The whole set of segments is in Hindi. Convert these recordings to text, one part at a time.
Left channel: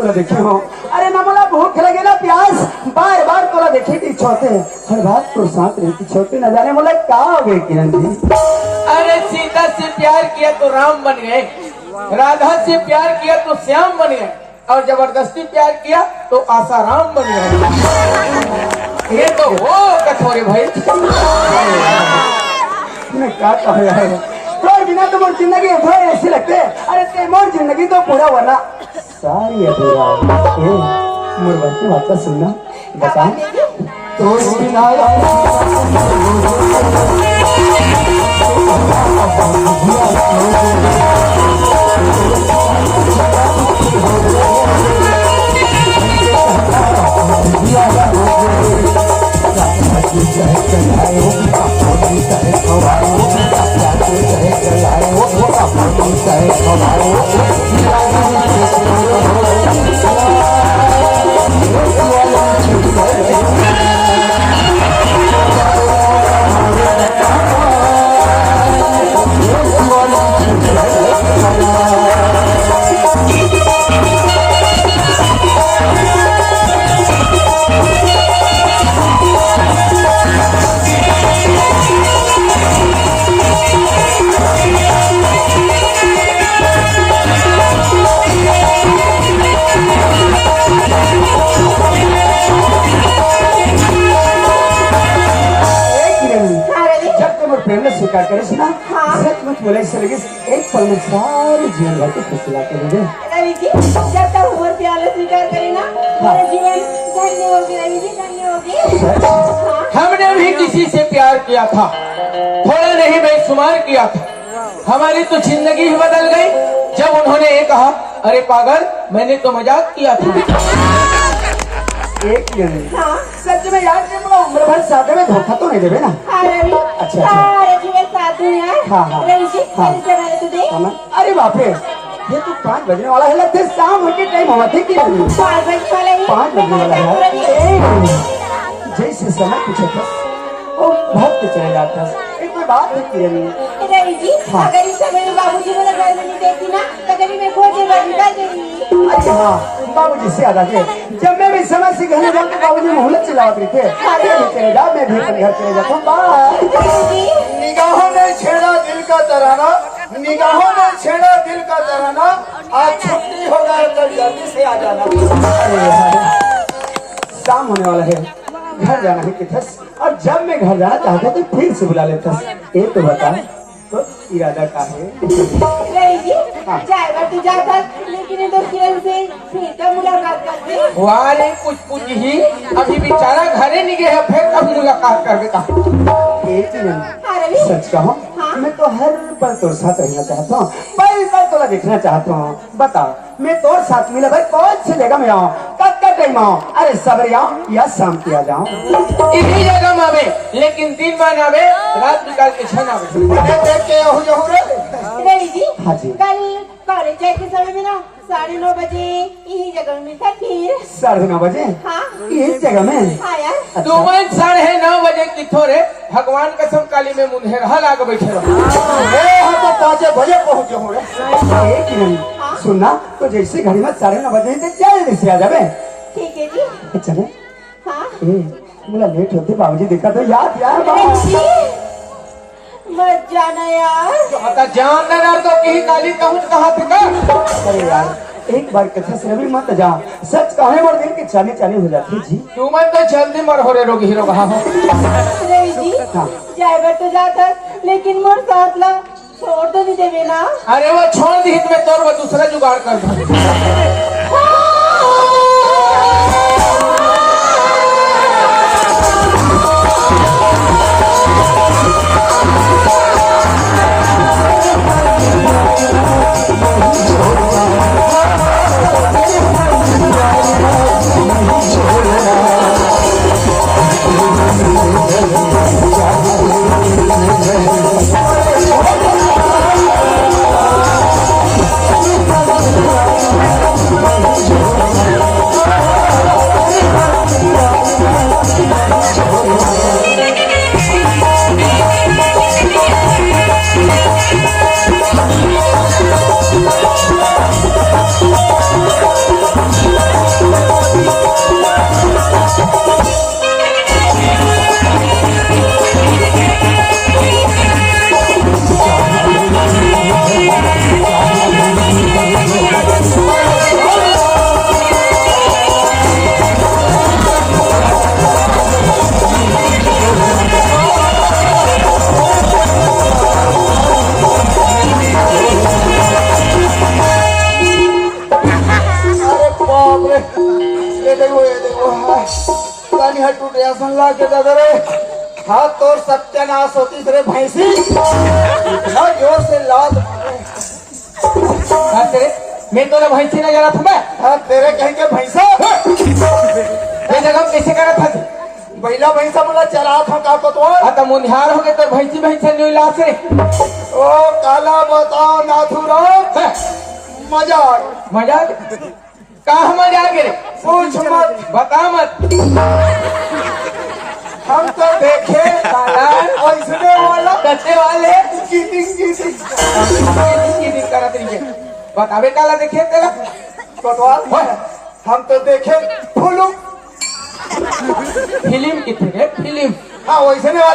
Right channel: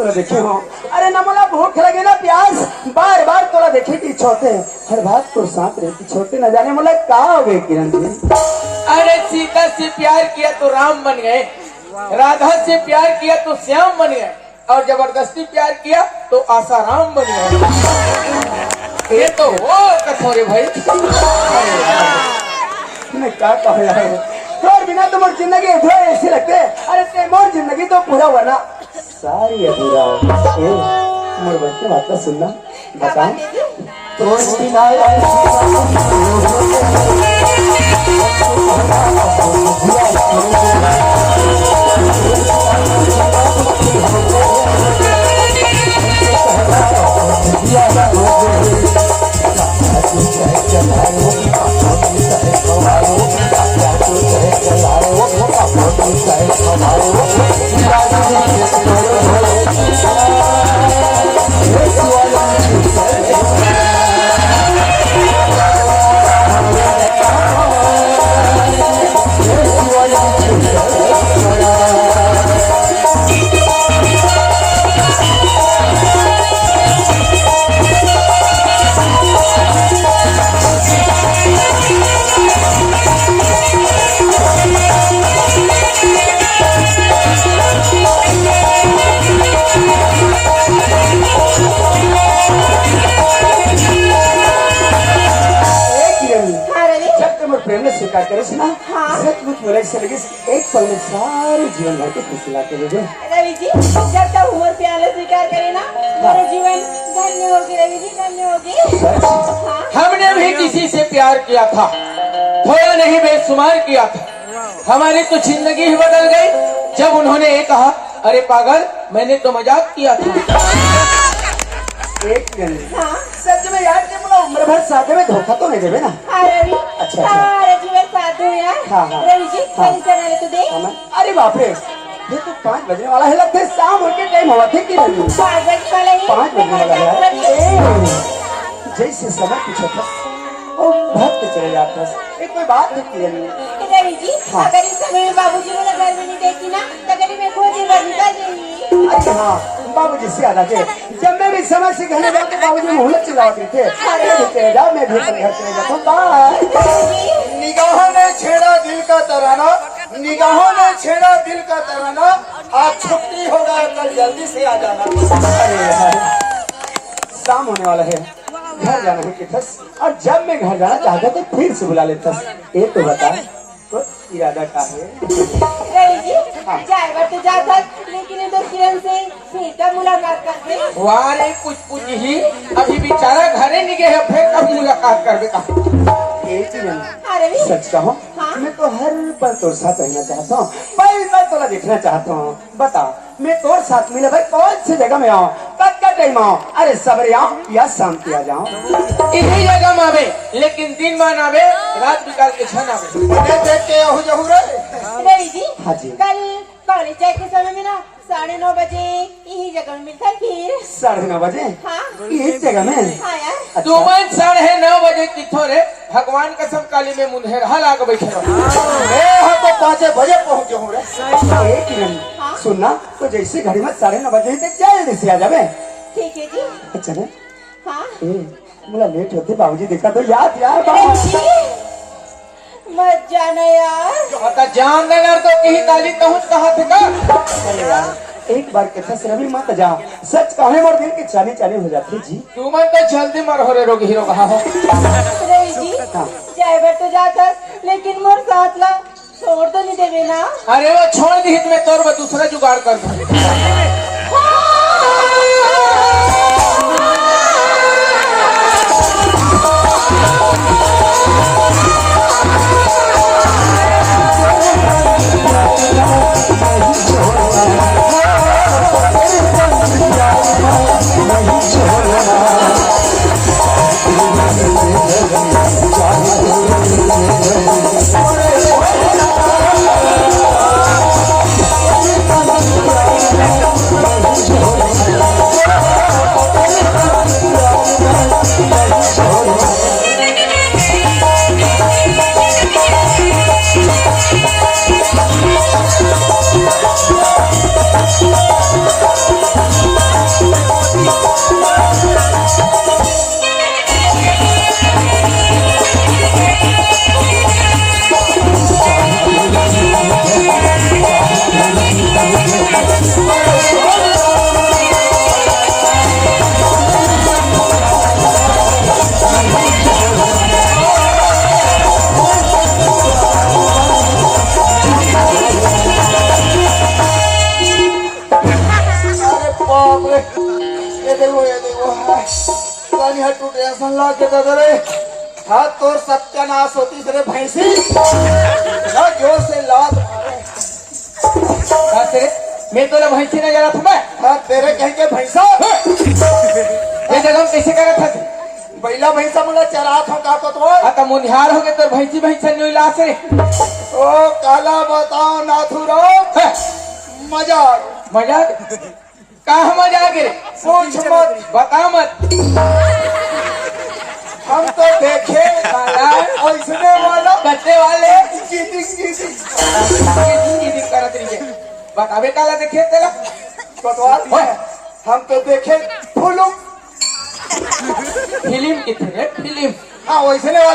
तोला देखे हो अरे ना मोला भूख लगे ना प्यास बार बार तोला देखे की इच्छा होते हर बात तो साथ रहती छोटे न जाने मोला क्या हो गए किरण जी। अरे सीता से प्यार किया तो राम बन गए, राधा से प्यार किया तो श्याम बन गए, और जबरदस्ती प्यार किया तो आसाराम बन गए। ये तो वो कठोरे भाई। मैं क्या कहा यार तो बिना तो मोर जिंदगी थोड़े ऐसे लगते अरे ते मोर जिंदगी तो पूरा वाला सारी अधूरा मोर बच्चे वापस सुनना बता तो बिना स्वीकार करे सुना सचमुच बोले एक पल में सारी जीवन भर की खुशी ला के दे दे रवि जी जब तक उम्र प्याले स्वीकार करे ना मेरा जीवन धन्य होगी रवि जी धन्य होगी। हमने भी किसी से प्यार किया था, थोड़ा नहीं बेशुमार किया था, हमारी तो जिंदगी ही बदल गई जब उन्होंने ये कहा अरे पागल मैंने तो मजाक किया था। एक सच में यार उम्र भर साथ में धोखा तो नहीं देवे ना। अच्छा अरे बाप रे ये तो 5 बजने वाला है लगता है शाम होके टाइम हुआ थे कि 5 बजने वाला है जैसे समय पीछे था वो भाग के चले जाता है कोई बात है कि अगर इस समय में बाबूजी को देखती ना तो कभी मैं खो अरे हाँ बाबूजी से याद आते जब मैं भी समय से घर जाते बाबूजी मुहूर्त चलाते थे चलेगा मैं भी घर चले जाता हूँ बाय। निगाहों ने छेड़ा दिल का तराना, निगाहों ने छेड़ा दिल का तराना, आज छुट्टी होगा कल जल्दी से आ जाना। शाम होने वाला है घर जाना है किठस और जब मैं घर जाना चाहता तो फिर से बुला लेता ये तो बता तो इरादा का है तो जाकर लेकिन तो किरण से सीधा मुलाकात करते वारे कुछ ही अभी बेचारा घरे नहीं गए फिर कब मुलाकात करके कहा सच कहो मैं तो हर पल तोर साथ रहना चाहता हूँ पल पल तोला देखना चाहता हूँ बताओ मैं तोर साथ मिला भाई कौन सी जगह में आऊँ कब का टाइम आऊँ अरे सवेरे आऊँ या शाम किया जाऊँ इसी जगह में आवे लेकिन दिन भर आवे रात निकाल के 6 हाँ जी कल कॉलेज जाए के समय में ना 9:30 बजे यही जगह में मिलता फिर 9:30 बजे हाँ एक जगह में हाँ यार तुम 9:30 बजे किथो रे भगवान कसम काली में मुंहेर लाग बैठे रहो तो 5 बजे पहुँचे होंगे। सुनना तो जैसे घड़ी में 9:30 बजे तक क्या जल्दी से आ जावे ठीक है जी अच्छा ना हाँ बोला लेट होते बाबूजी देखा तो याद मत जाना यार बता जान ना तो कहीं ताली पहुंच कहाँ थे का अरे यार एक बार कथा से अभी मत जाओ सच कहे और दिन की चाली हो जाती जी तुम तो जल्दी मर हो रहे रोग हीरो कहा हो ड्राइवर तो जाता लेकिन मोर साथ ला छोड़ तो नहीं देवे ना अरे वो छोड़ दी में तोर वो दूसरा जुगाड़ कर दो सुनला के दादा रे हाथ तो सत्यानाश होती रे भैंसी इतना जोर से लात मैं तो भैंसी ना जाना था मैं हाँ तेरे कहीं के भैंसा जगह कैसे करा था बैला भैंसा मला चला था का तो आता मुनिहार हो गए तो भैंसी भैंसा नहीं ला से ओ काला बताओ नाथुराम मजा आयो मजा कहाँ मजा गे रे पूछ मत बता मत हम तो देखे ऐसने वाला करते वाले कीटिंग बतावे काला देखे तेरा बतवा हम तो देखे फुलू फिल्म की थी फिल्म हाँ वैसने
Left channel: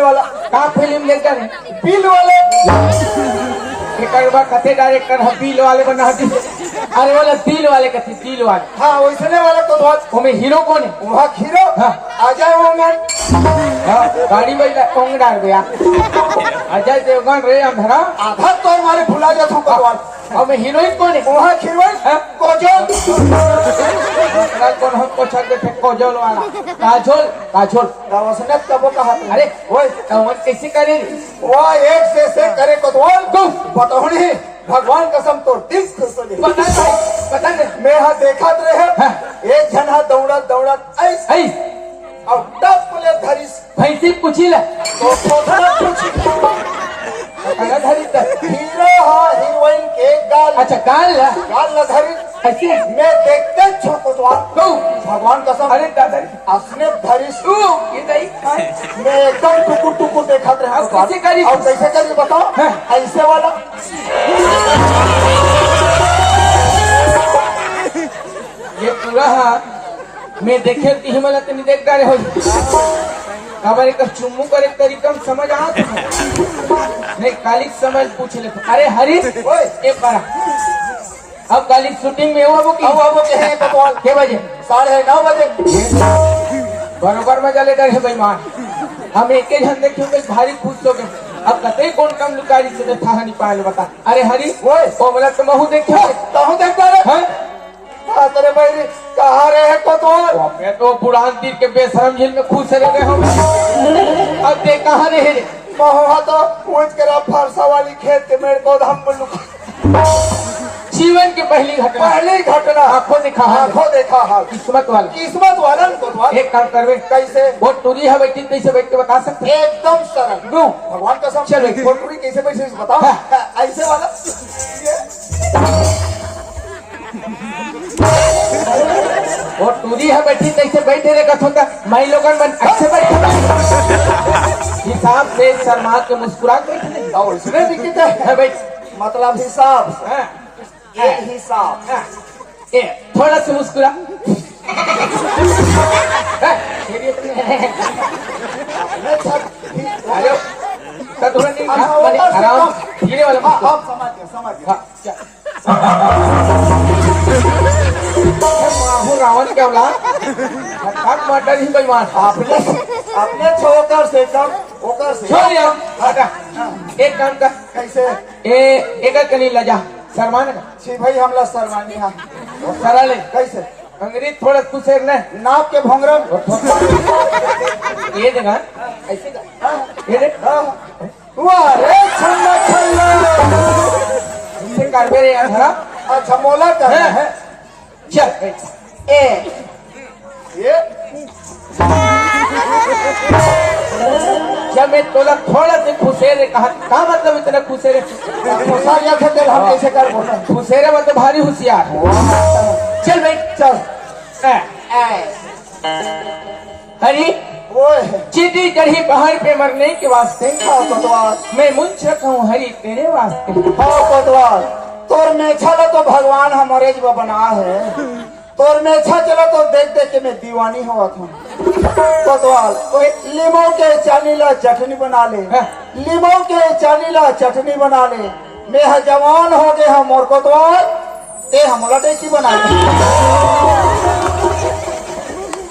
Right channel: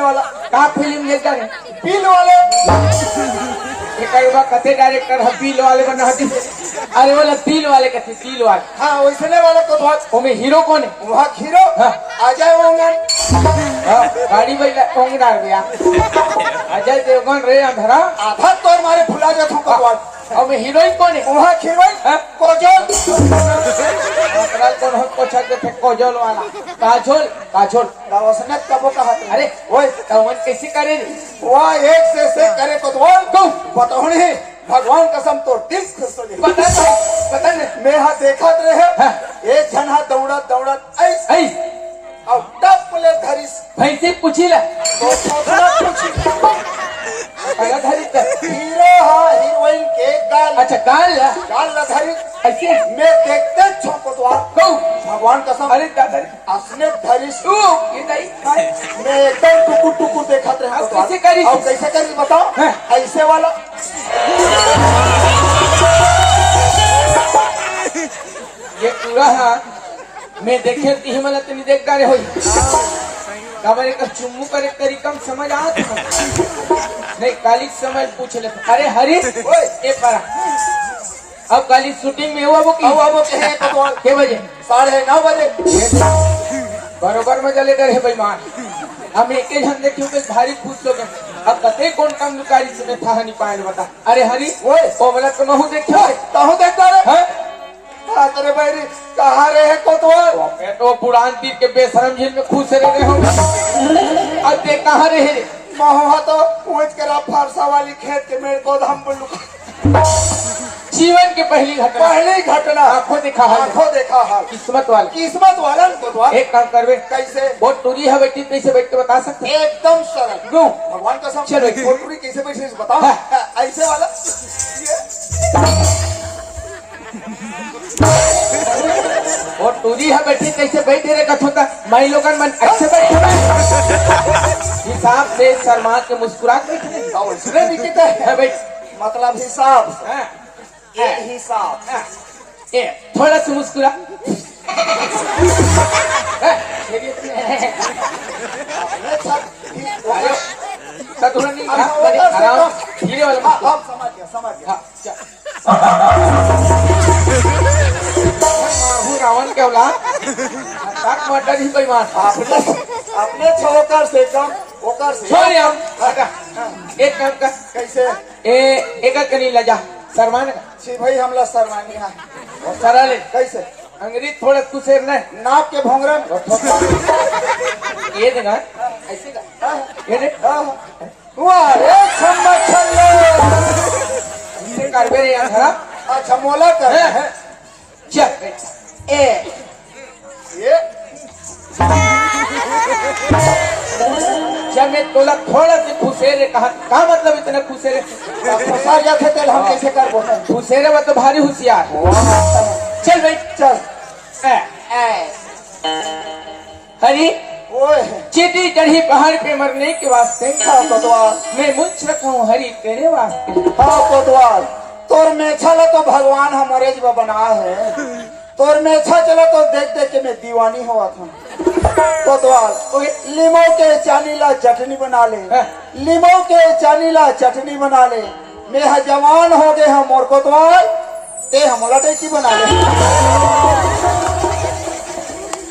वाला कहाँ फिल्म लेकर नहीं बिल वाले कथे डायरेक्टर है बिल वाले को ना अरे बोले बिल वाले कथे बिल वाले हाँ वैसने वाला तो वो में हीरो कौन है वहाँ खीरो हाँ। आ जाए वहाँ गाड़ी में कौन डाल गया अजय देवगन रे अंधरा आधा तो हमारे फुला जाता भगवान और मैं हीरोइन कौन है वहाँ खीरवन हाँ? कोजल कोजल वाला काजोल काजोल रावसने कबो कहा अरे वो तवन कैसे करे वो एक से करे कोतवाल तू बताओ नहीं भगवान कसम तो दिल खुश हो गई पता नहीं मैं यहाँ देखा रहे हाँ। एक जन दौड़त ऐसे ऐ और टप ले धरिस भैंसी पूछी ला कुछ हीरो हाँ हीरोइन के गाल अच्छा काल ला गाल न धरिस ऐसे मैं देखते छोटवाल को भगवान कसम अरे दादा असने धरिस ये नहीं मैं एकदम टुकुर देखा रहा अब कैसे करी और कैसे करके बताओ हाँ। ऐसे वाला ये पूरा मैं देखे तीन वाला तो नहीं देख रहे हो हमारे का चुम्मू करे तरीका समझ आ नहीं काली समझ पूछ ले अरे हरी ये पारा अब काली शूटिंग में हुआ वो की के बजे 9:30 बजे बरोबर मजा ले रहे बेईमान हम एक ही झंडे क्यों भारी खुश हो गए अब कतई कौन कम निकाली से था नहीं पाए बता अरे हरी ओमला तो महू देखो कहूँ देखता रे हाँ तेरे भाई कहाँ रहे कोतवाल मैं तो पुरान तीर के बेशरम झील में खुश रहे हम अब देख कहाँ रहे रे महुआ तो पूछ कर फरसा वाली खेत के मेरे को हम बोलू जीवन की पहली घटना आंखों देखा हाँ किस्मत वाला कोतवाल एक काम करवे कैसे वो टूरी है बेटी कैसे बैठ के बता सकते एकदम सरल नो भगवान का सब चलो। कोटुरी कैसे बैठे बताओ ऐसे वाला वो टूरी है बेटी कैसे बैठे रे कथोता मैं लोगन बन अच्छे बैठे हिसाब से शर्मा के मुस्कुरा के बैठे और इसने भी कितने है बैठ मतलब हिसाब हाँ, एक हिसाब हाँ, ये थोड़ा सा मुस्कुरा थोड़ा नहीं आराम धीरे वाला मुस्कुरा समझ गया हाँ, चल। रावण क्या बोला मटर ही बेईमान अपने छोकर से कम ओकर से छोड़ यार हटा एक काम कर कैसे एक करी लजा शर्मान भाई हमला सरवानी है सरल ले कैसे अंग्रेज थोड़ा कुछ है ना नाक के भोंगरा ये देना ऐसे ये देख छल्ला हमने कर रे अच्छा मोला कर है चल ए ये जब मैं तोला थोड़ा से खुशेरे कहा मतलब इतना खुशेरे होशियार थे हम कैसे कर बोला खुशेरे मतलब भारी होशियार चल भाई चल हरी ओए चीटी चढ़ी पहाड़ पे मरने के वास्ते कोतवाल मैं मुंशक हूँ हरी तेरे वास्ते हेलो कोतवाल तोर मेछा लो तो भगवान हमारे जो बना है तोर मेछा चला तो देख देख के मैं दीवानी हुआ था कोतवाल लीमो के चालीला चटनी बना ले लीमो के चालीला चटनी बना ले मैं जवान हो गए हम और कोतवाल ते हमारा टेकी बना ले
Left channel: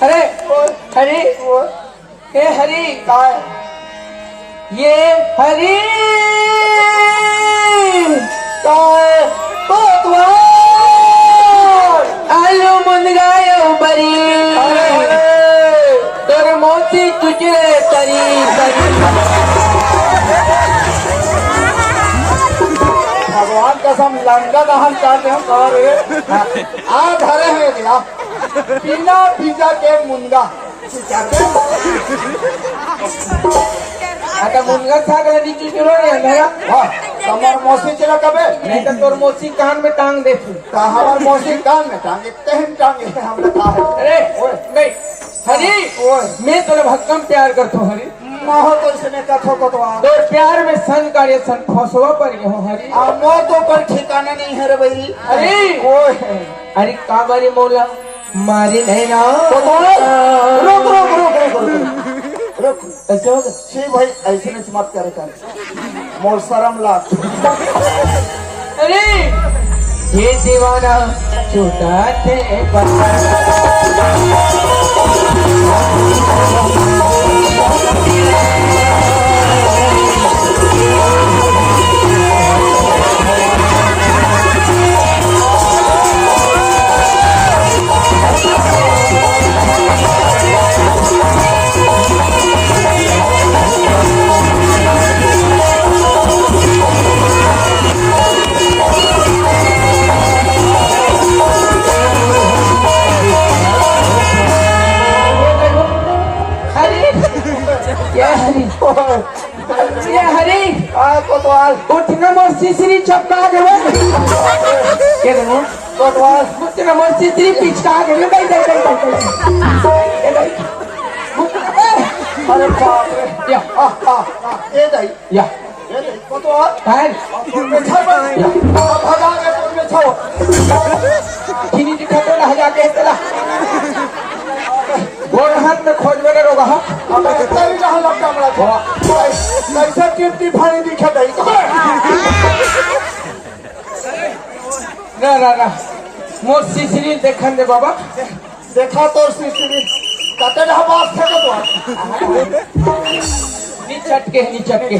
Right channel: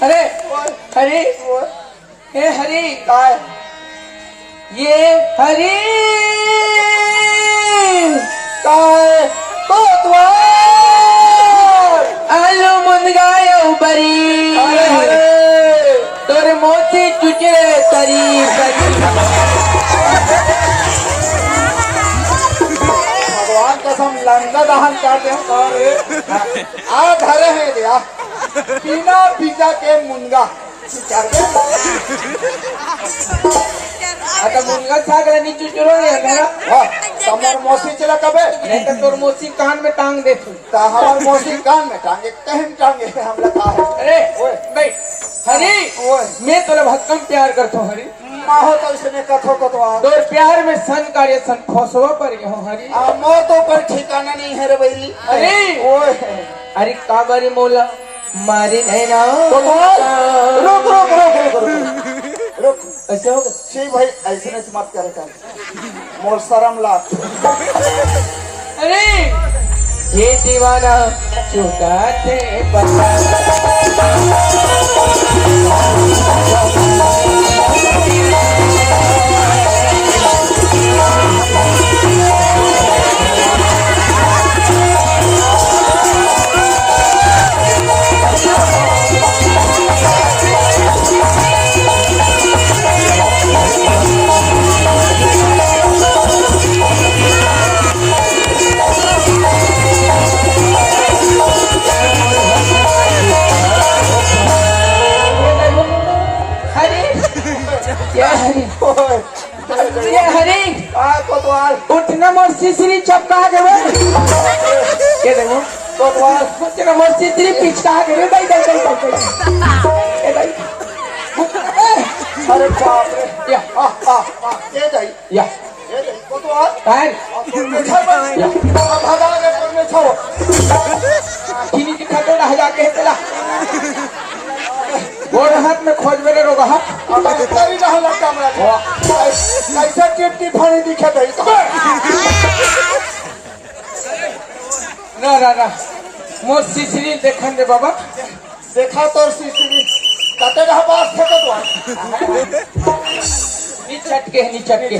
अरे हरी ए हरी काय ये हरी काय कोतवाल आलू मुंगायो बरी तोर मोछ तुझे तरी भगवान कसम लंगा दहन काटे आ धरे है गया बिना बीजा के मुंगा आता मुनगा सागर नीचे चुरो है मेरा तमार मौसी चला कबे नहीं तो तोर मोची कान में टांग दे तू हमार मौसी कान में टांगे तहन टांगे हम लगा है अरे बे हरी मैं तोरा भक्कम प्यार करतो हरी माहो तो इसने कथो को तो तोर प्यार में सन कार्य सन खोसवा पर गए हो हरी मो तो पर ठिकाना नहीं है रे भाई अरे ओए अरे काबरी मौला मारी नैना रुक रुक रुक रुक रुक ऐसे हो शी भाई ऐसे नहीं मत करे कर मोल शर्म ला अरे ये दीवाना चुका थे ये हरी उठना मोर सिसरी चपका गए ये देखो उठना मोर सिसरी पिचका गए दई दई दई ये दई या ये दई को तो काय में छोड़ भगा के तुम में छोड़ो किनी दिखा दे रहा जाके चला गोर हाथ में खोज मेरे रहा तभी ना लगता मैं ऐसा टिप टिप फाड़ी दिखा दई ना ना ना मोर सिसरी देखन दे बाबा देखा तो सीसी कते ना बात थे तो निचट के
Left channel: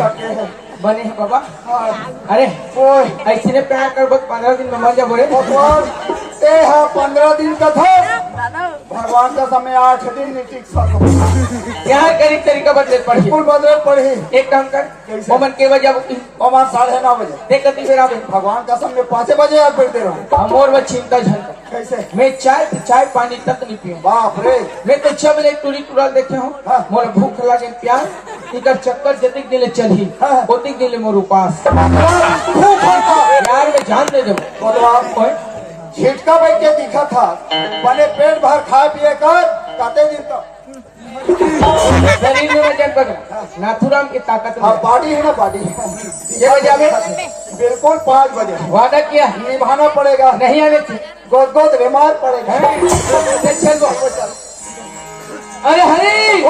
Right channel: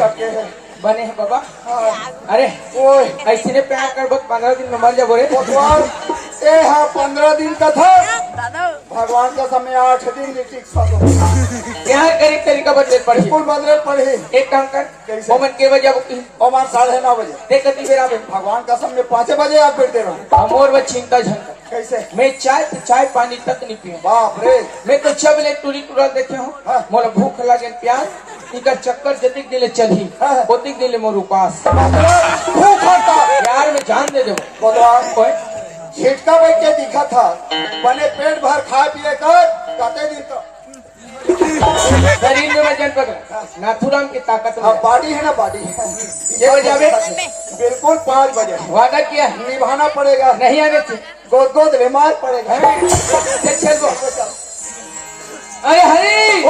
बने हैं बाबा अरे ओए ऐसे ने प्यार कर बहुत 15 दिन में मर जा बोले भगवान ए हाँ 15 दिन का था भगवान का समय 8 दिन नहीं टिक सको यहाँ करी तरीका बदले पढ़ी स्कूल बदल पढ़ी एक काम कर कैसे? मोमन के बजे और 9:30 बजे देखती फिर आप भगवान का समय 5 बजे आप फिरते रहो हमोर में चिंता झन कैसे मैं चाय पानी तक नहीं पीऊं बाप रे मैं तो जब ले टूरी टूरा देखे हूँ हाँ। मोर भूख लगे प्यास इधर चक्कर जतिक दिले चली हाँ। ओतिक दिले मोर उपास भूख था यार मैं जान दे दे भगवान झिटका बैठ के दिखा था मैंने पेट भर खा पिए कर कते दिन तो शरीर में वजन पकड़ नाथुराम की ताकत हाँ में बॉडी है ना बॉडी ये बजा में बिल्कुल 5 बजे वादा किया निभाना पड़ेगा नहीं आने थी गोद गोद बीमार पड़ेगा चल दो अरे हरी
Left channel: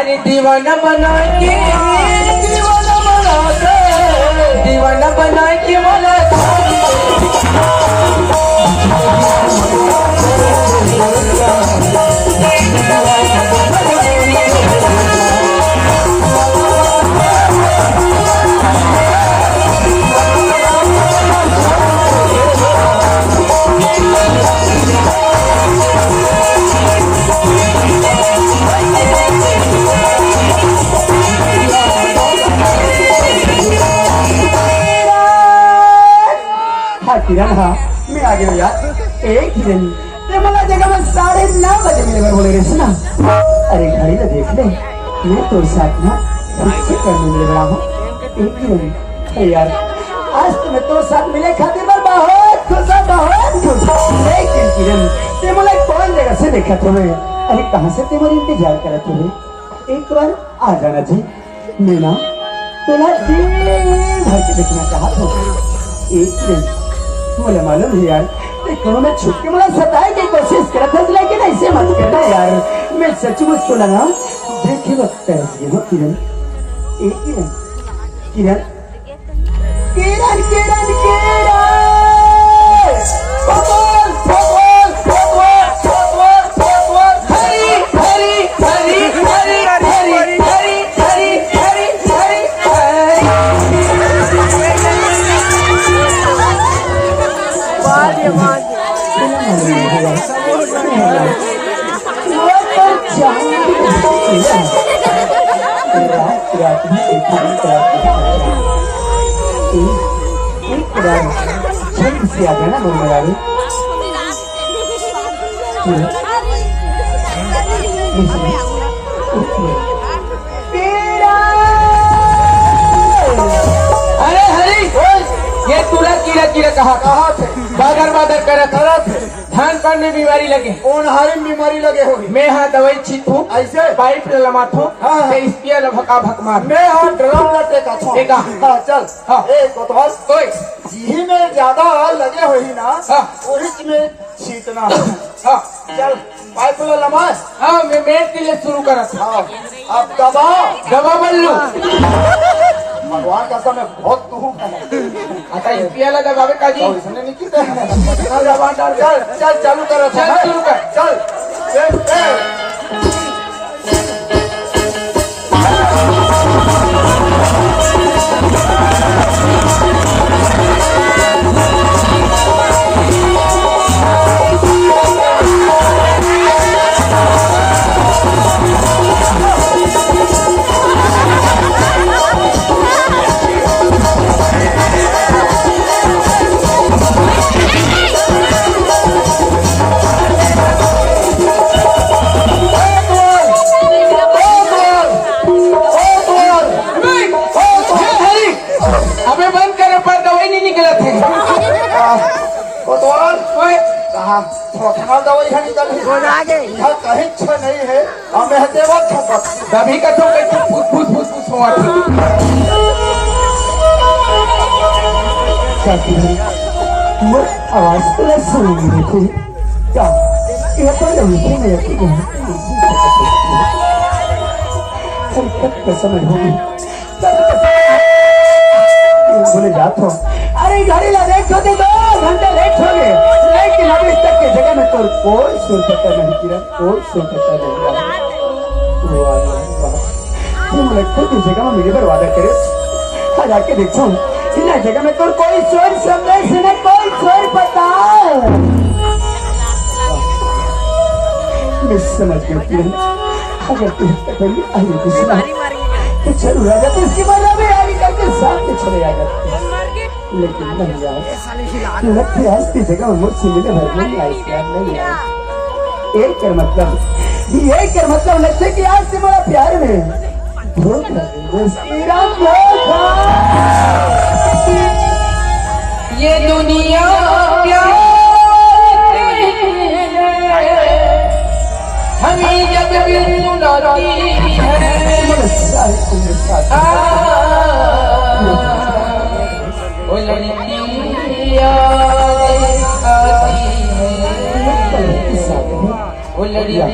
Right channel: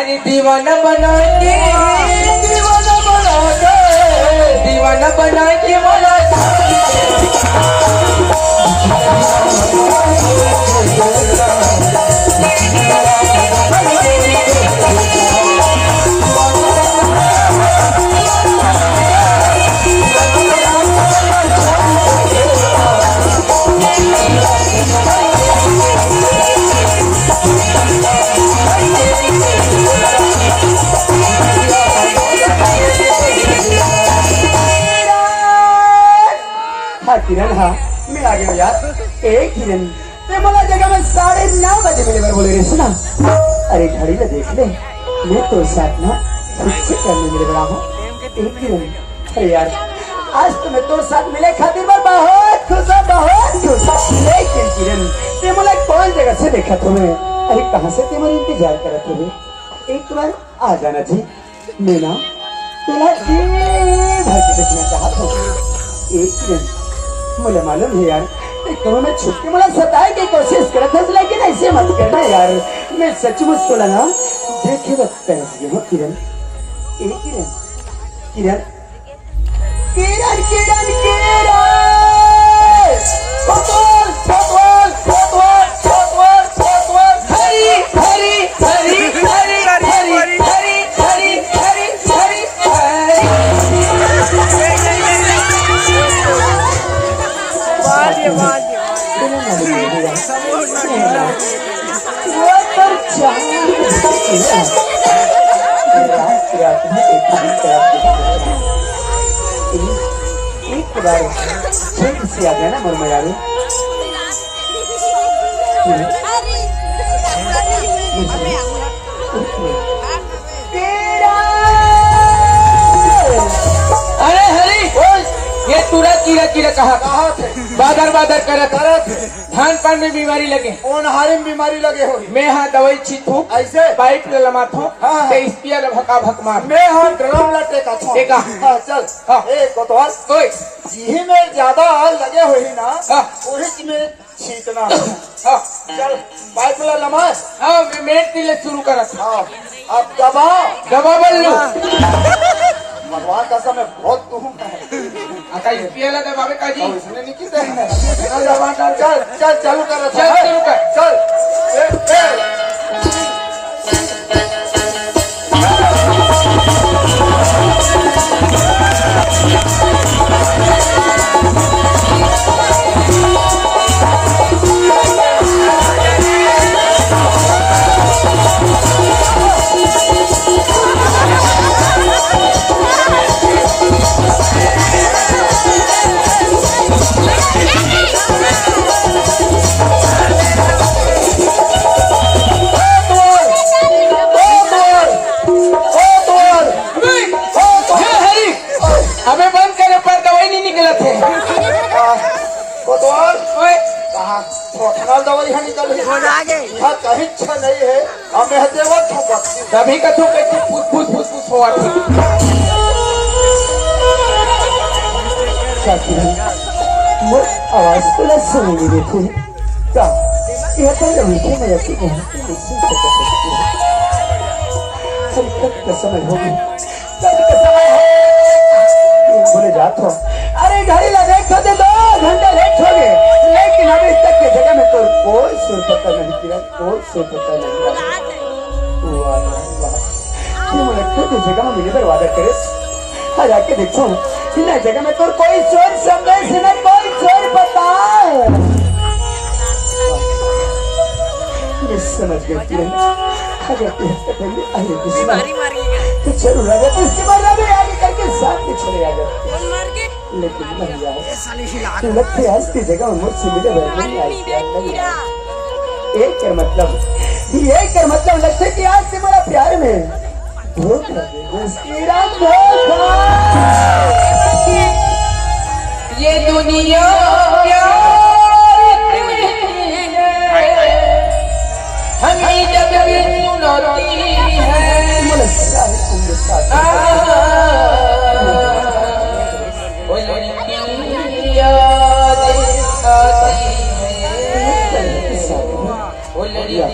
अरे दीवाना बना के दीवाना बना के बोला किरण हाँ मैं आ गया यार किरण ते मला जगह में 9:30 बजे मिले बार बोले रे सुना अरे घड़ी तो देख ले मैं तो साथ में फिक्स करने मिले बड़ा हूँ किरण अरे यार आज तो मैं तो साथ मिले खातिर मैं बहुत खुश लेकिन किरण ते मला कौन जगह से देखा तुम्हें अरे कहाँ से तुम्हारे इंतजार करा तुम्हें एक बार आ जाना जी मैं ना तुला जी भर के देखना चाहता हूँ किरण मुझे मालूम है यार कोरोना छुप के मुझे सताए की कोशिश कर था लेकिन ऐसे मत करना यार मैं सचमुच बोला ना देखिए वक्त कैसे हो किरण किरण किरण किरण किरण किरण एक बार छेद से आ गया ना वो मेरा भी अरे हरी ये तुरा कीड़ा कीड़ा कहा थे बादर बादर करत धान पर में बीमारी लगे कौन हारे में बीमारी लगे होगी मैं हाँ दवाई छीटू ऐसे पाइप लमाथो हाँ, हाँ। स्पियर भका भक मार मैं हाँ ड्रम लटे का था टेका। हाँ चल हाँ। ए बतौल कोई जी में ज्यादा लगे हुई ना हाँ। वही में छीटना है। हाँ चल पाइप लगा हाँ मैं मेट के लिए शुरू करत हाँ अब दबा दबा बल्लू भगवान का समय बहुत तुम कमा आता स्पियर दबावे काजी इसने नहीं किया चल जवान चल चल चालू कर चल शुरू कर चल ए ये हरी अबे बंद करे पर दवाई नहीं निकला थे बतौल ओए कहाँ छोटना दवाई है निकल यहाँ कहीं अच्छा नहीं है हमें देवा छुपक तभी का तो कहते फुस फुस फुस हुआ था आवाज तो सुन रहे थे क्या ये पर विषय में यकीन है समय होगी बोले जाता हूँ अरे गाड़ी लगे कभी 2 घंटे लेट हो गए लेकिन अभी तक की जगह में तो कोई सुर पता नहीं किरण कोई सुर पता नहीं वाह लगता है जगह में मेरे पे वादा करे आज आके देखो इन जगह में तो कोई स्वर समझ इसने कोई स्वर पता मैं समझ गया किरण अगर तू पहले अरे कृष्णा तो चलो राजा तो इसकी बात में आगे करके साथ में चले आ जाते लेकिन नहीं यार लगती है हस्ती जगह में मुझसे मिले भर नहीं आई क्या नहीं आई एक कर मतलब लगता है कि आज से बड़ा प्यार में धोखा दे ये दुनिया प्यार हमें जब सुनाती है वो लड़की याद आती है वो लड़की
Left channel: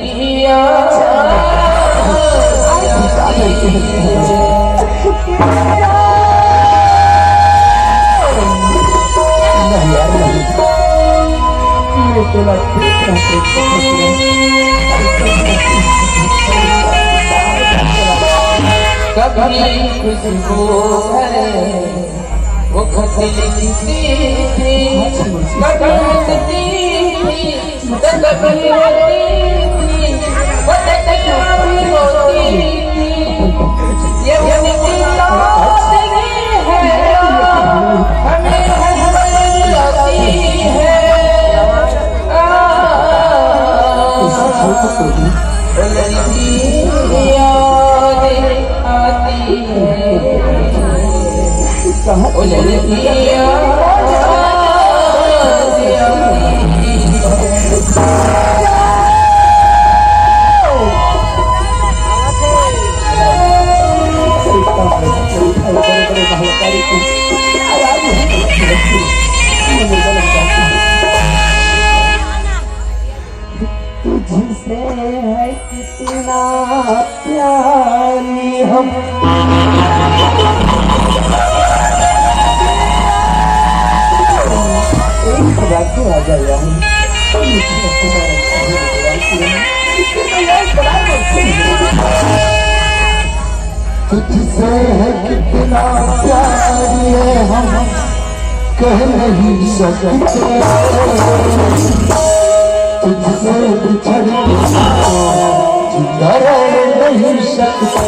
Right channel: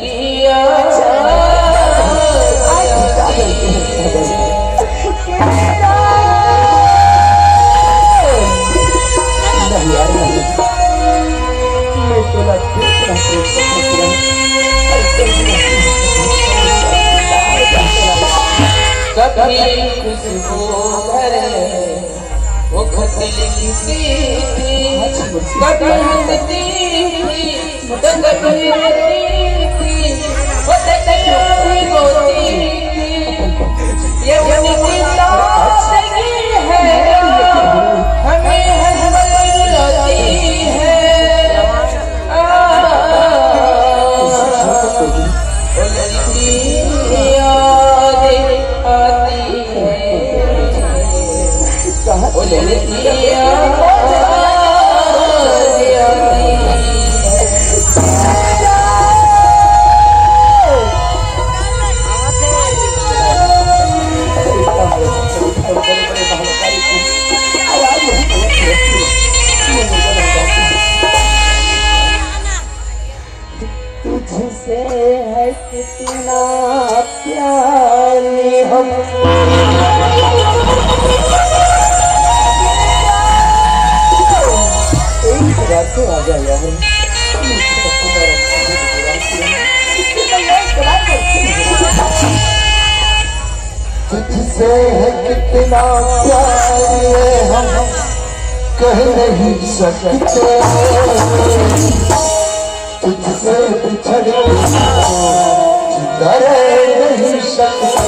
कभी खुशबू भरे वो खती थी कभी हंसती थी कभी रोती थी वो देखते कभी रोती थी ये उनकी सादगी है हमें हंसाती है तुझसे है कितना प्यारी हम एक बात तो आ जाएगा तुझसे है कितना प्यारे हम कह नहीं सकते तुझसे बिछड़े जिंदा रहे नहीं सकता।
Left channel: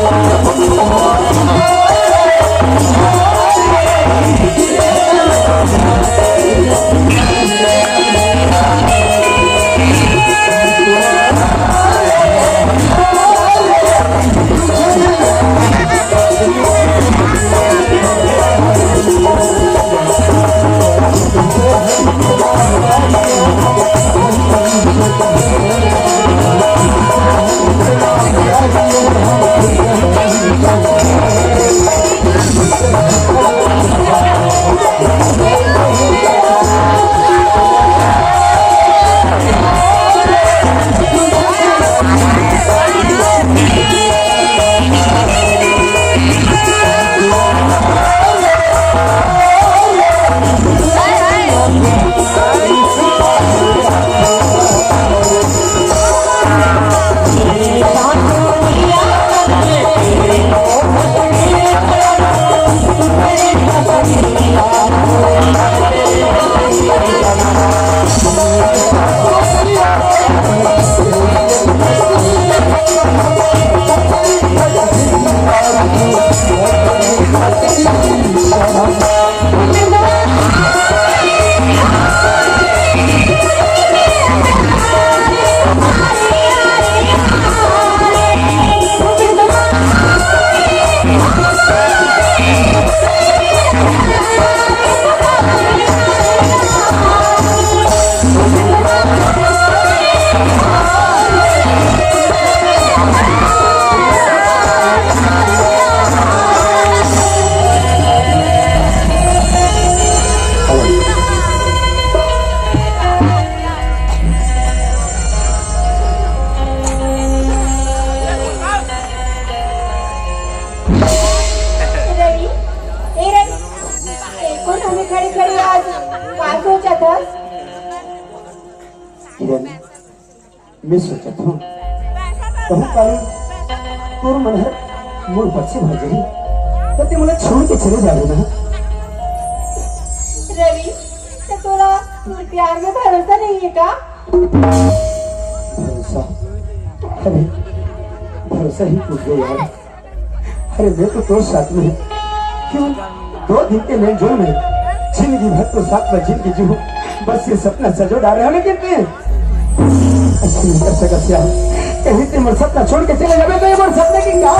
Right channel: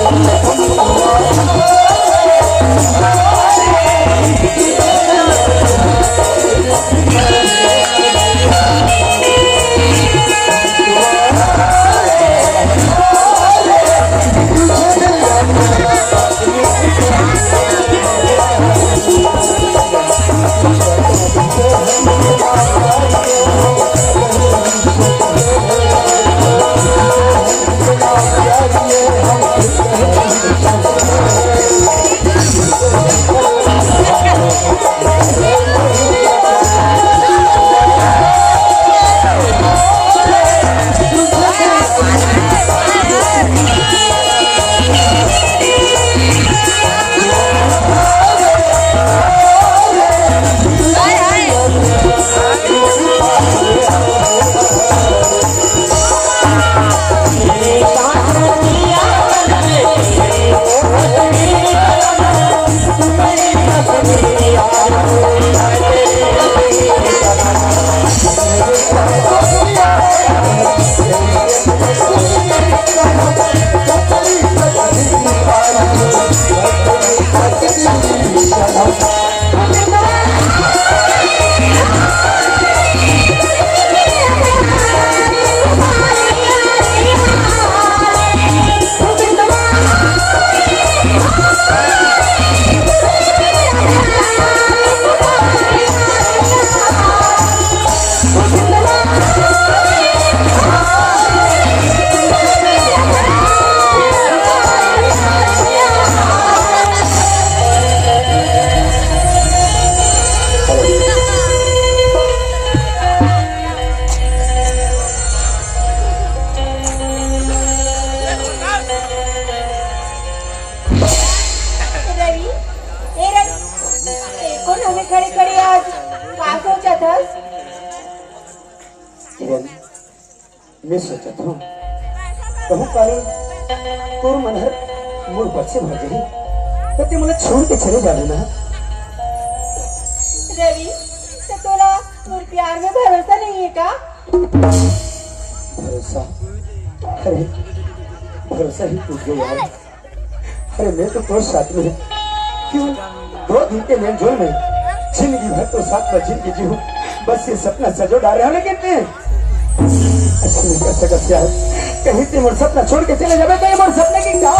किरण, मैं सोचत हूँ कहूँ काले तोर मन है मोर बच्चे भर गई तो ते मुझे छोड़ के चले जावे ना। रवि, तो तोरा मोर प्यार में भरोसा नहीं है का? भरोसा? अरे भरोसा ही टूट गया यार। अरे मैं तो तोर साथ में क्यों 2 दिन के लेन जोड़ में जिंदगी भर तो साथ में जिंदगी जी हूँ, बस ये सपना सजो डाल रहे हो। लेकिन ते ऐसे नहीं कर सकत यार, कहीं ते मोर सपना छोड़ के चले जावे तो ये मोर सपने की क्या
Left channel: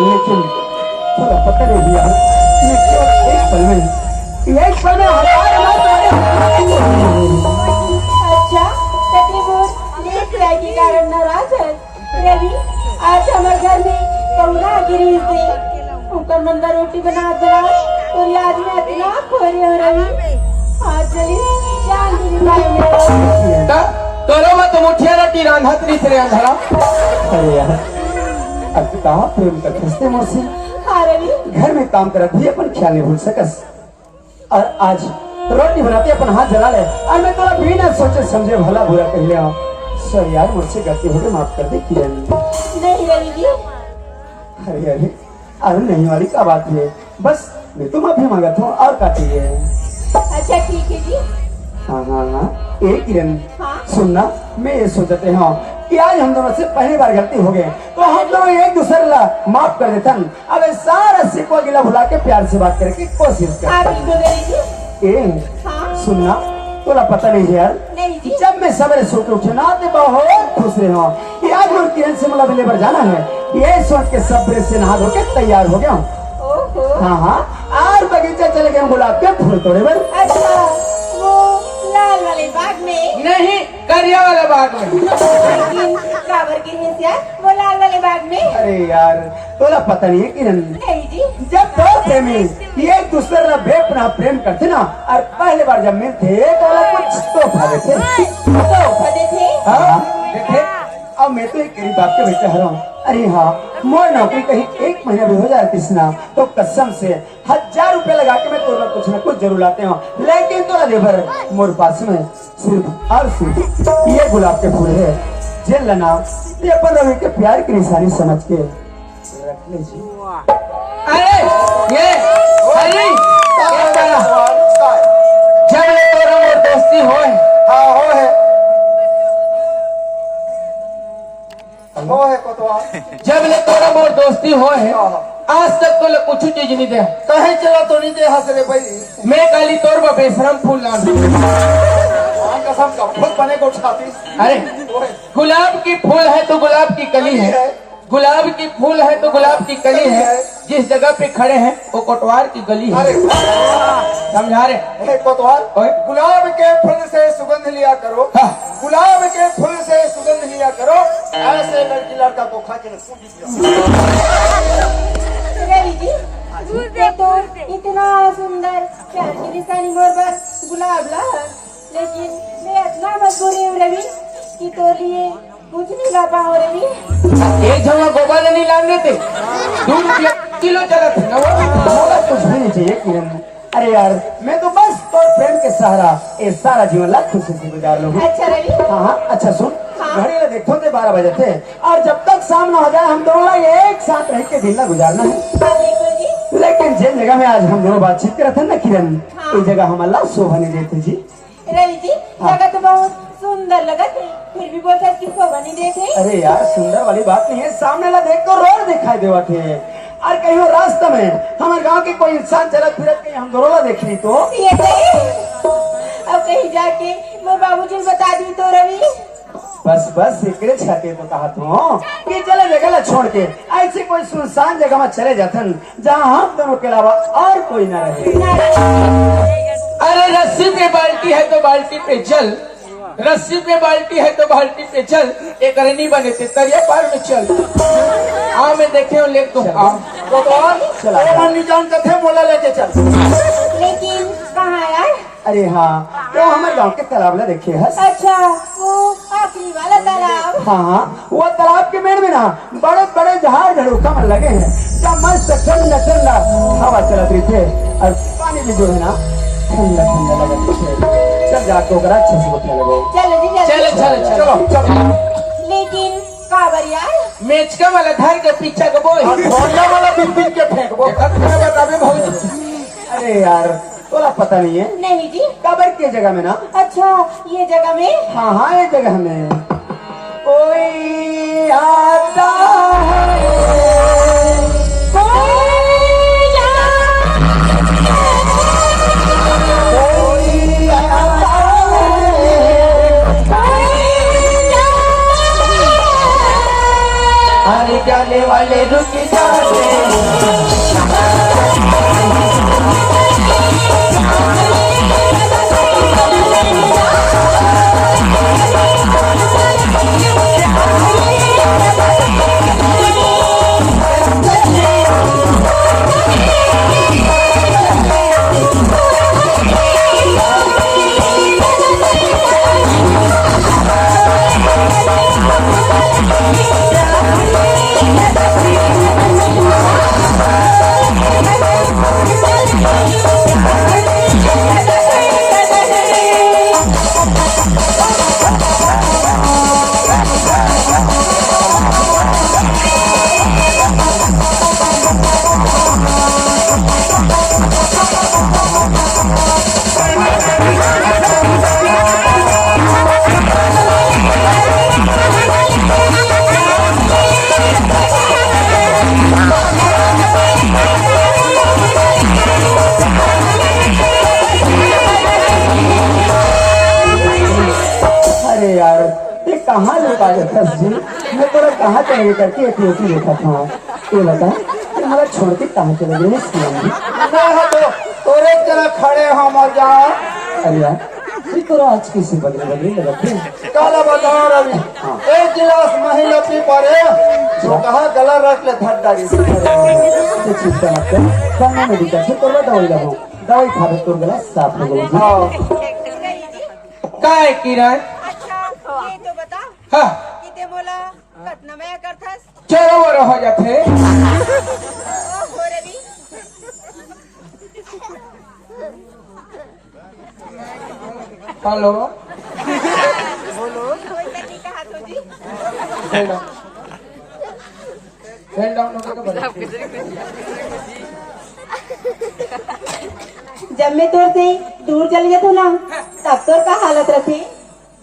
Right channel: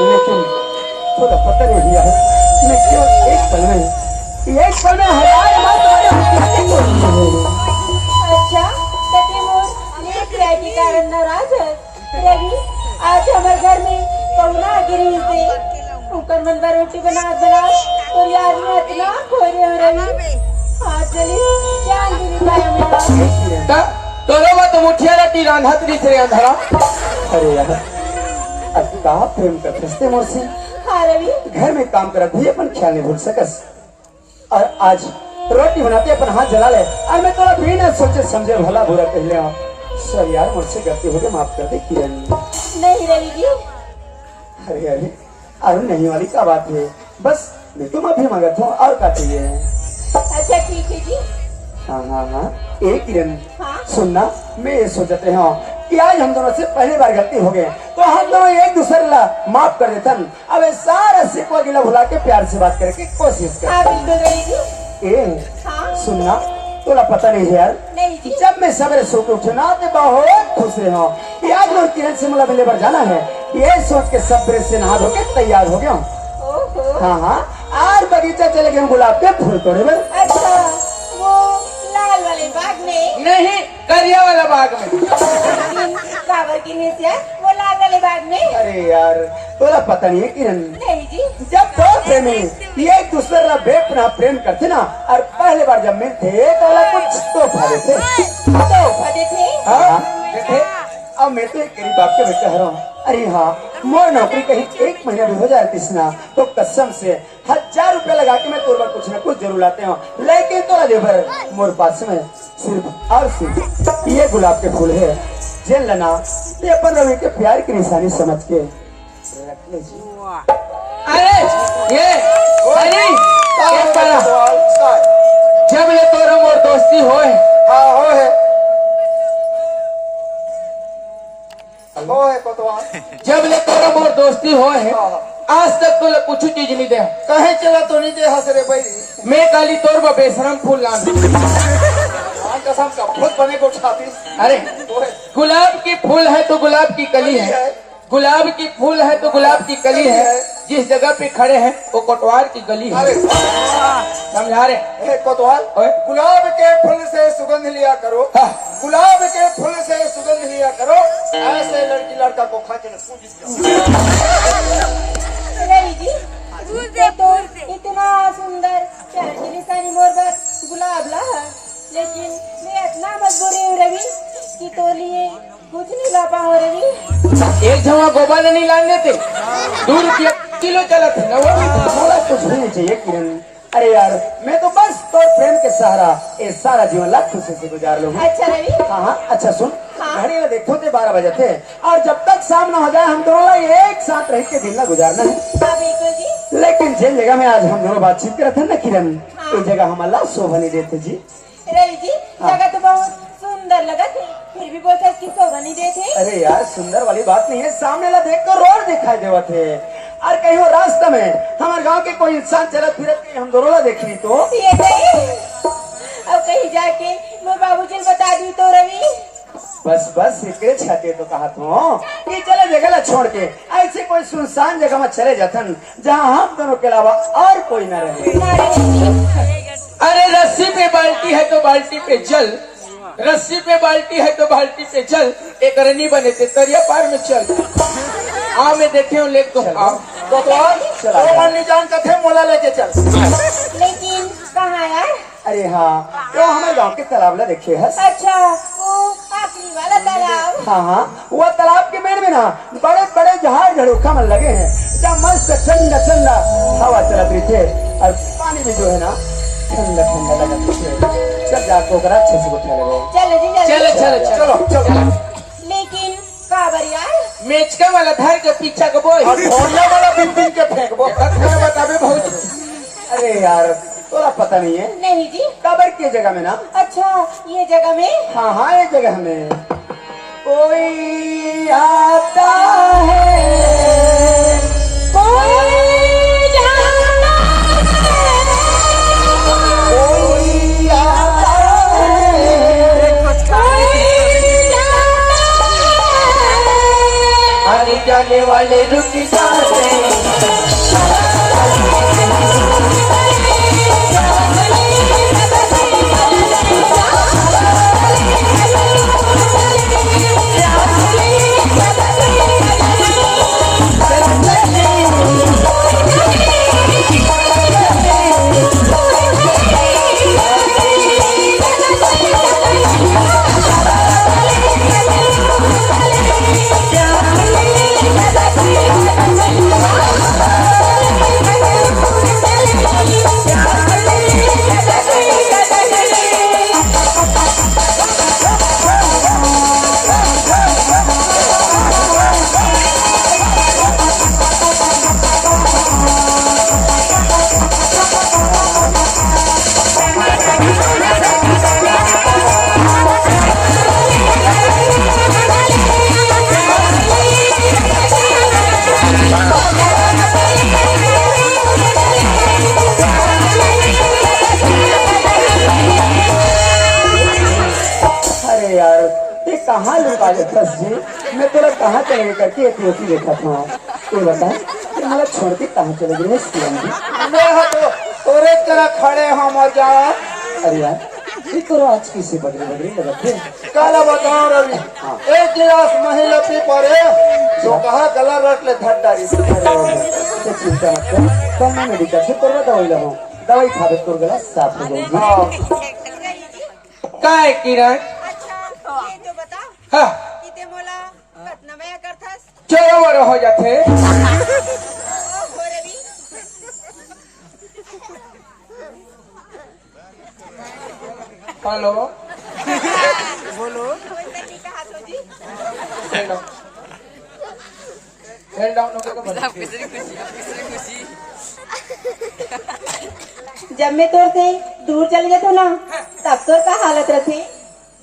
लेकिन थोड़ा पता नहीं दिया ये क्यों एक पल में अच्छा के कारण नाराज है। रवि, आज हमारे घर में कौना गिरी से ऊपर मंदा रोटी बना तो आज में इतना खोरे हो रही आज चली जान दी मेरा तोरो मत मुठिया रोटी रांधत नहीं थे अंधा। अरे यार अब कहाँ प्रेम का खिस्ते मोसी। हाँ रवि, घर में काम करत भी अपन ख्याल नहीं भूल सकस और आज रोटी बनाते अपन हाथ जला ले और मैं थोड़ा बिना सोचे समझे भला बुरा कह लिया हूँ। सर यार मुझसे गलती हो गई, माफ कर दे किरण। नहीं रवि जी। अरे अरे अरे नहीं वाली क्या बात है, बस मैं तो माफी मांगता हूँ और क्या चाहिए। अच्छा ठीक है जी। हाँ हाँ एक किरण हाँ? सुनना, मैं ये सोचते हूँ कि आज हम दोनों से पहली बार गलती हो गए तो हम लोग एक दूसरे ला माफ कर देते। अब सारा सिको गिला भुला के प्यार से बात करने की कोशिश कर। हाँ बिल्कुल रवि जी। ए हाँ सुनना, तोरा पता नहीं है यार, नहीं जी जब मैं सवेरे सो के उठे ना तो बहुत खुश रहे हो। याद और किरण से मुला मिलने पर जाना है, ये सोच के सब से नहा धो के तैयार हो गया हूँ। ओहो हाँ हाँ, और बगीचा चले गए गुलाब के फूल तोड़े बन। अच्छा वो लाल वाले बाग में नहीं, करिया वाला बाग में। काबर की नेसिया वो लाल वाले बाग में अरे यार तोरा पता नहीं है किरण, नहीं जी जब दो प्रेमी एक दूसरे का बेपना प्रेम करते ना, और पहले बार जब मिलते तो वो कुछ तो भरे थे। पता थे हाँ देखे, अब मैं तो एक गरीब बाप के बेटे हूँ। अरे हाँ, मोर नौकरी कहीं एक महीना भी हो जाती ना तो कसम से 1000 रुपया लगा के मैं तोरा कुछ न कुछ जरूर लाते हूँ, लेकिन तोरा लेबर मोर पास में सिर्फ और सिर्फ ये गुलाब के फूल है। जेल लेना ये अपन रवि के प्यार की निशानी समझ के रख लीजिए। अरे ये चला, जब ले तोरा मोर दोस्ती होए, हाँ हो है कोतवाल। जब ले तोरा मोर दोस्ती होए, आज तक तो कुछ चीज नहीं दे। कहे चला तो नहीं दे हंस रे भाई। मैं काली तोर पर बेशरम फूल लान। भगवान कसम का खुद बने को छाती। अरे गुलाब की फूल है तो गुलाब की कली है, गुलाब की फूल है तो गुलाब की कली है। जिस जगह पे खड़े हैं वो कोटवार की गली है। समझा रहे? हे कोतवाल, ओए। गुलाब के फूल से सुगंध लिया करो, हाँ। गुलाब के फूल से सुगंध लिया करो, ऐसे लड़की लड़का को खा के नहीं जी देखो इतना सुंदर प्यार की निशानी मोर बस गुलाब ला, लेकिन मैं इतना मजबूरी हूँ रवि कि तो लिए कुछ नहीं ला पाऊँ रवि। एक जमा गोबा नहीं लान देते, 2 रुपया किलो चला था ना। मोरा कुछ भी नहीं चाहिए किरण। अरे यार मैं तो बस तो प्रेम के सहारा ये सारा जीवन लाख खुशी से गुजार लूंगी। अच्छा रवि हाँ हाँ अच्छा सुन, हाँ। घड़ी में देखो थे 12 बजे थे, और जब तक शाम न हो जाए हम दोनों एक साथ रह के दिन में गुजारना है। हाँ बिल्कुल जी। लेकिन जिन जगह में आज हम दोनों बातचीत कर रहे थे ना किरण, हाँ। इस जगह हम अल्लाह शोभा नहीं देते जी। रवि जी जगह तो बहुत सुंदर लगा थी, फिर भी बोलते कि शोभा नहीं देते। अरे यार सुंदर वाली बात नहीं है, सामने ला देख तो रोड दिखाई देवा थे, और कहीं वो रास्ते में हमारे गांव के कोई इंसान चलत फिरत के हम दोनों ला देख ली तो ये नहीं। अब कहीं जाके वो बाबूजी को बता दूं तो रवि। बस एक छाते तो कहा तू कि चले जगह ला छोड़ के ऐसे कोई सुनसान जगह में चले जातन जहाँ हम दोनों के अलावा और कोई न रहे। अरे रस्सी पे बाल्टी है तो बाल्टी पे जल, रस्सी पे बाल्टी है तो बाल्टी पे जल, एक रनी बने थे तरिया पार में चल। हाँ मैं देखे हूँ ले तुम आओ। चला नहीं जान कथे मोला लेके चल। लेकिन कहाँ यार? अरे हाँ तो हमारे गांव के तालाब ला देखिए है। अच्छा वो आखिरी वाला तालाब। हाँ हाँ वो तालाब के मेड़ में ना बड़े बड़े झाड़ झड़ूखा में लगे हैं, जब मस्त ठंडा ठंडा हवा चला रही थे, और पानी भी जो है ना ठंडा ठंडा लगा। चल जाकर अच्छे से उठा लगे। चलो जी चलो चलो चलो। लेकिन काबर यार? मेचका वाला धर के पीछा का बोल भोला वाला बिन बिन के फेंक वो बताबे बहुत। अरे यार तोरा पता नहीं है, नहीं जी। कबर की जगह में ना। अच्छा ये जगह में? हाँ हाँ ये जगह में कोई आता है, आने जाने वाले रुक जाते। Thank you. बस जी मैं थोड़ा कहाँ चले करके ये होती लेता था ये बताए तुम्हारा छोड़ के कहाँ चले गए सीएम जी? मैं तो तोरे तरह खड़े हो मजा। अरे यार ये तो आज किसी बदले लगते कल बताओ रवि, एक गिलास महिला पी पड़े जो कहा गला रख ले धट डाली। चिंता मत कर कहाँ मेडिकल से थोड़ा दवाई लगो दवाई खा रहे तो गला साफ हो जाएगी। काय किरण अच्छा ये तो बता हाँ कि ते मोला कतना में करथस चोर हो जाते ओ हो रवि हेलो होई तनी कहा तो जी सेंड डाउन होकर जब मैं तोर से दूर चली जातू ना तब तोर का हालत रही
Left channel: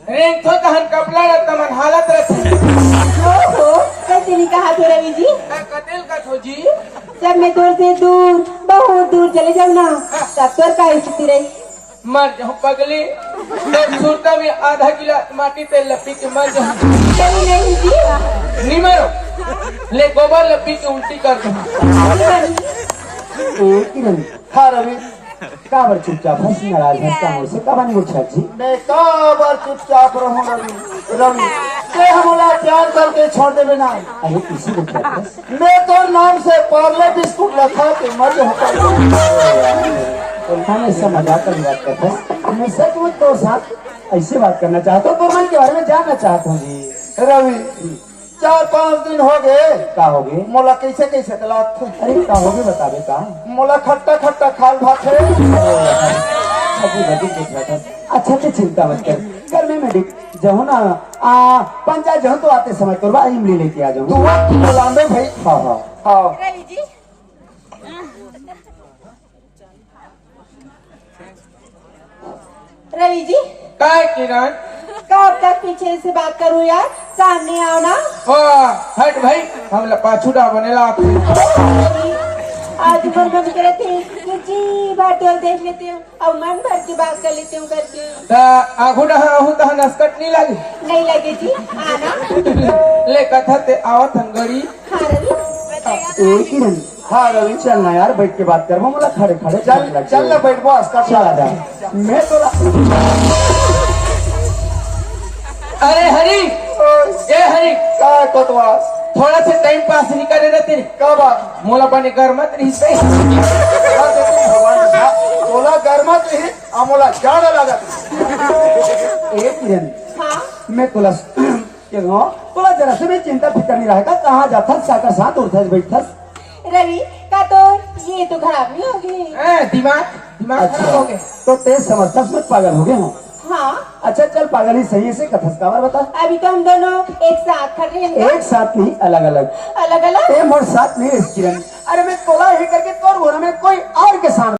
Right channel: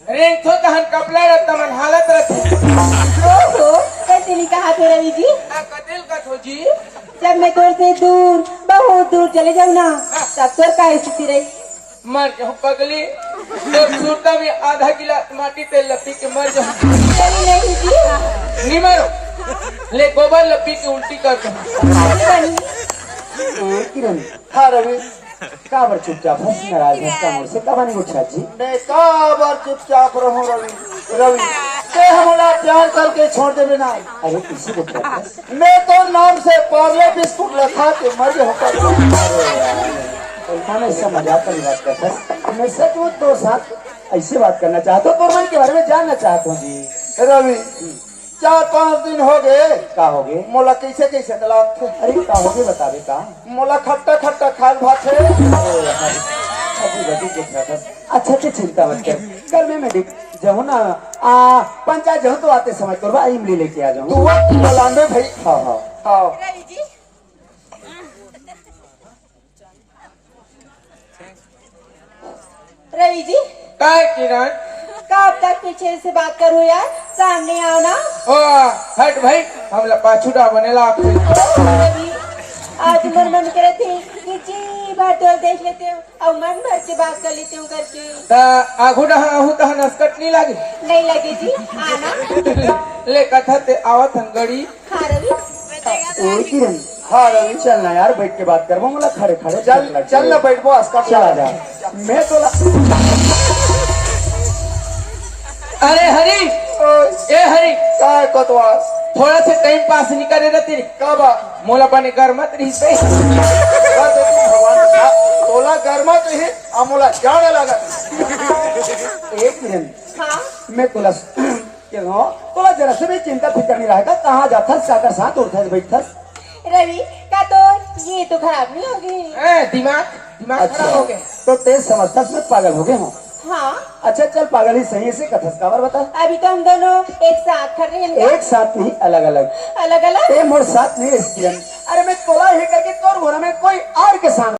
रेंग तो कहन कपड़ा रहता मन हालत रखी हो कैसे नहीं कहा तो रवि जी कतेल का थो जी जब मैं तोर से दूर बहुत दूर चले जाऊँ ना तब तोर का स्थिति रही मर जाऊं पगली सूरता में आधा गिलास माटी तेल लपी के मर जाऊं चली नहीं जी नहीं मरो ले गोबर लपी के उल्टी कर दूं एक ही नहीं हाँ रवि काबर चुपचाप हंस नाराज हंसता मुझसे कब नहीं उठा जी मैं काबर चुपचाप रहूं रवि। रवि ते हमारा प्यार करके छोड़ दे बिना अरे किसी को क्या बस मैं तो नाम से पार्ले बिस्कुट रखा के मर होकर और हम ऐसा मजाक कर बात करता है मैं सच में तो साथ ऐसी बात करना चाहता हूँ तो मैं के बारे में जानना चाहता हूँ जी। रवि 4-5 दिन हो गए का हो गए मोला कैसे कैसे तलाक थे अरे का हो गए बता दे का मोला खट्टा खट्टा खाल भात है। अच्छा अच्छा चिंता मत कर कल मैं मेडिक जाऊँ ना पंचायत जाऊँ तो आते समय तो इमली लेके आ तू जाऊंगा। बोला में भाई हाँ हाँ हाँ रवि जी रवि जी काय किरण कब तक पीछे से बात करूँ यार सामने आओ ना वाह हट भाई हम पाछूटा बनेला रवि, आज मन मन करे थे कि जी बात और देख लेते हो और मन भर के बात कर लेते हूँ करके ता आगू डहा आहू तहा नस्कट नहीं लागे नहीं लगे जी आना ले कथा ते आवत हम गड़ी हाँ रवि एक ही नहीं हाँ रवि चलना यार बैठ के बात कर बोला खड़े खड़े चल चल ना बैठ बस कर चला जा मैं तो अरे हरी ए हरी काय कतवास थोड़ा से टाइम पास नहीं करे ना तेरे कब मोला पानी कर मत रही सही तोला गर्मा चाहिए अमोला जाड़ा लागत एक ही नहीं हाँ मैं तुला क्यों तुला जरा से भी चिंता फिक्र नहीं रहेगा कहाँ जाता साकर साथ उठस बैठस रवि का तो ये तो खराब नहीं होगी दिमाग दिमाग खराब हो गए तो तेज समझता मैं पागल हो गया हूँ। हाँ अच्छा चल पागल ही सही से कथस काबर बता अभी तो हम दोनों एक साथ खड़े हैं एक साथ नहीं अलग अलग अलग अलग ए मोर साथ नहीं इसकी अरे मैं तोला ही करके तोर घोड़ा में कोई और के साथ